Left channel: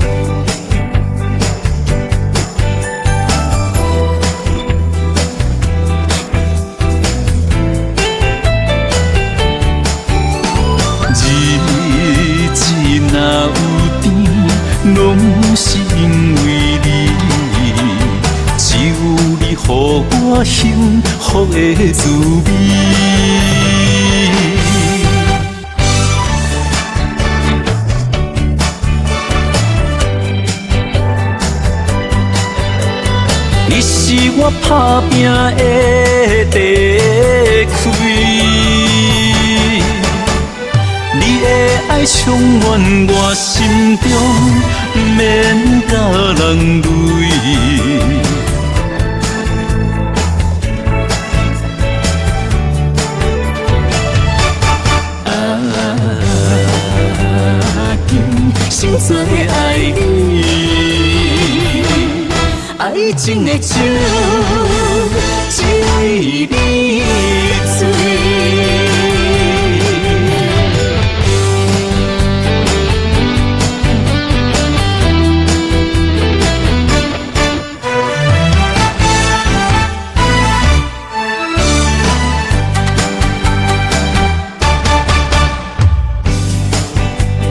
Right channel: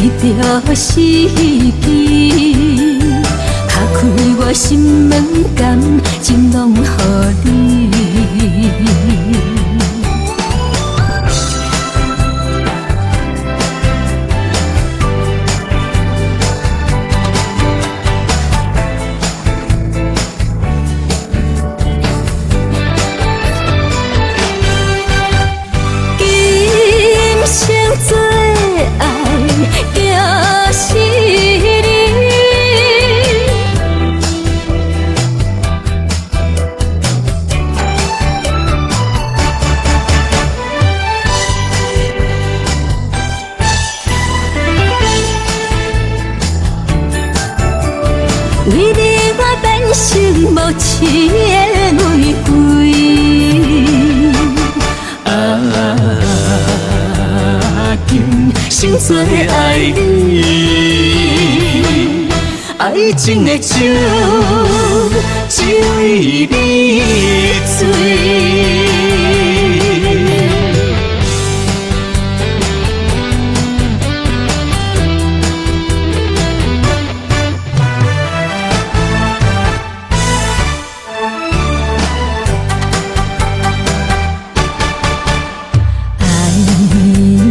你着死去，敲开我心门间，情拢予你。日子若有甜，拢是因为你，只有你予我幸福的滋味。打拼的地开，你的爱充满我心中，免甲人累。为你我变成无痴的玫瑰，今生做爱你。爱情的酒，只为你醉。爱你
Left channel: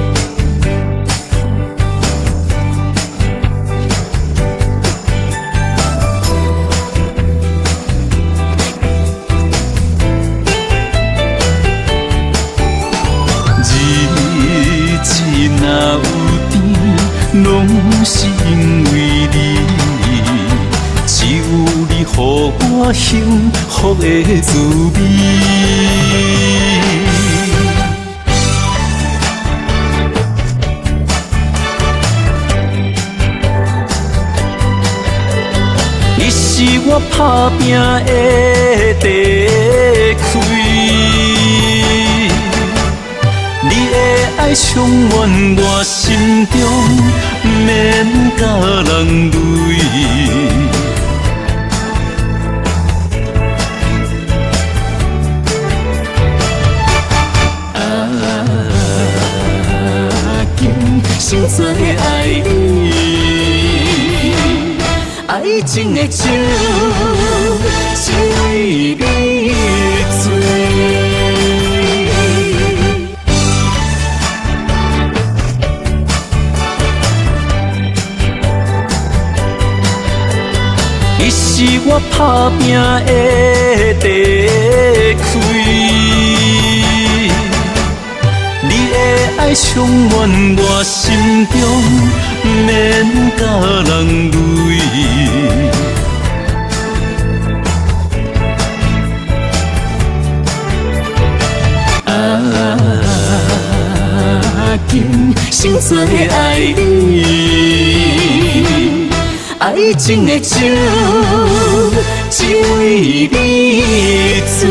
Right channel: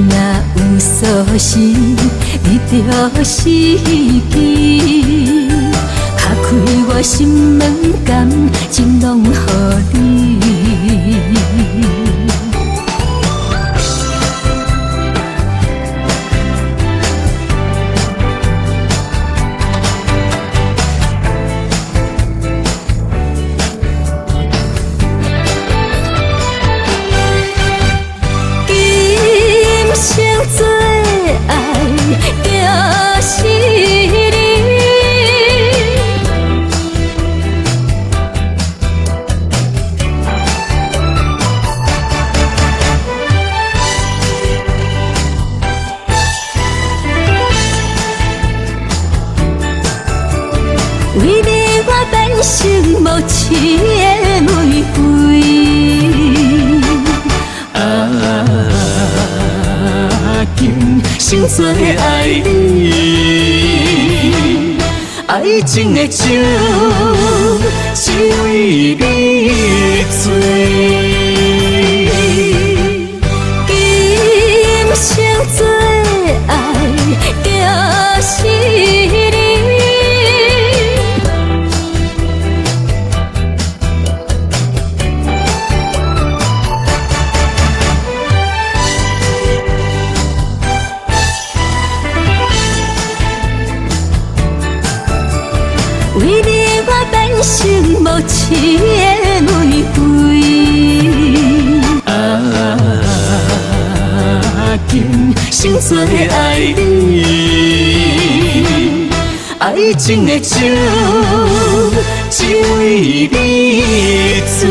若有所思，你着死去。我心门间，情拢予你。日子若有甜，拢是因为你，只有你予我幸福的滋味。打拼的地开，你的爱充满我心中，免甲人累。为你我变成无痴的玫瑰，今生做爱你。爱情的酒，只为你醉。今生做爱着是你，你是我打拼的地开，你的爱充满我心中，免甲人累。成无痴的玫瑰，今生做爱你，爱情的酒，只为你醉。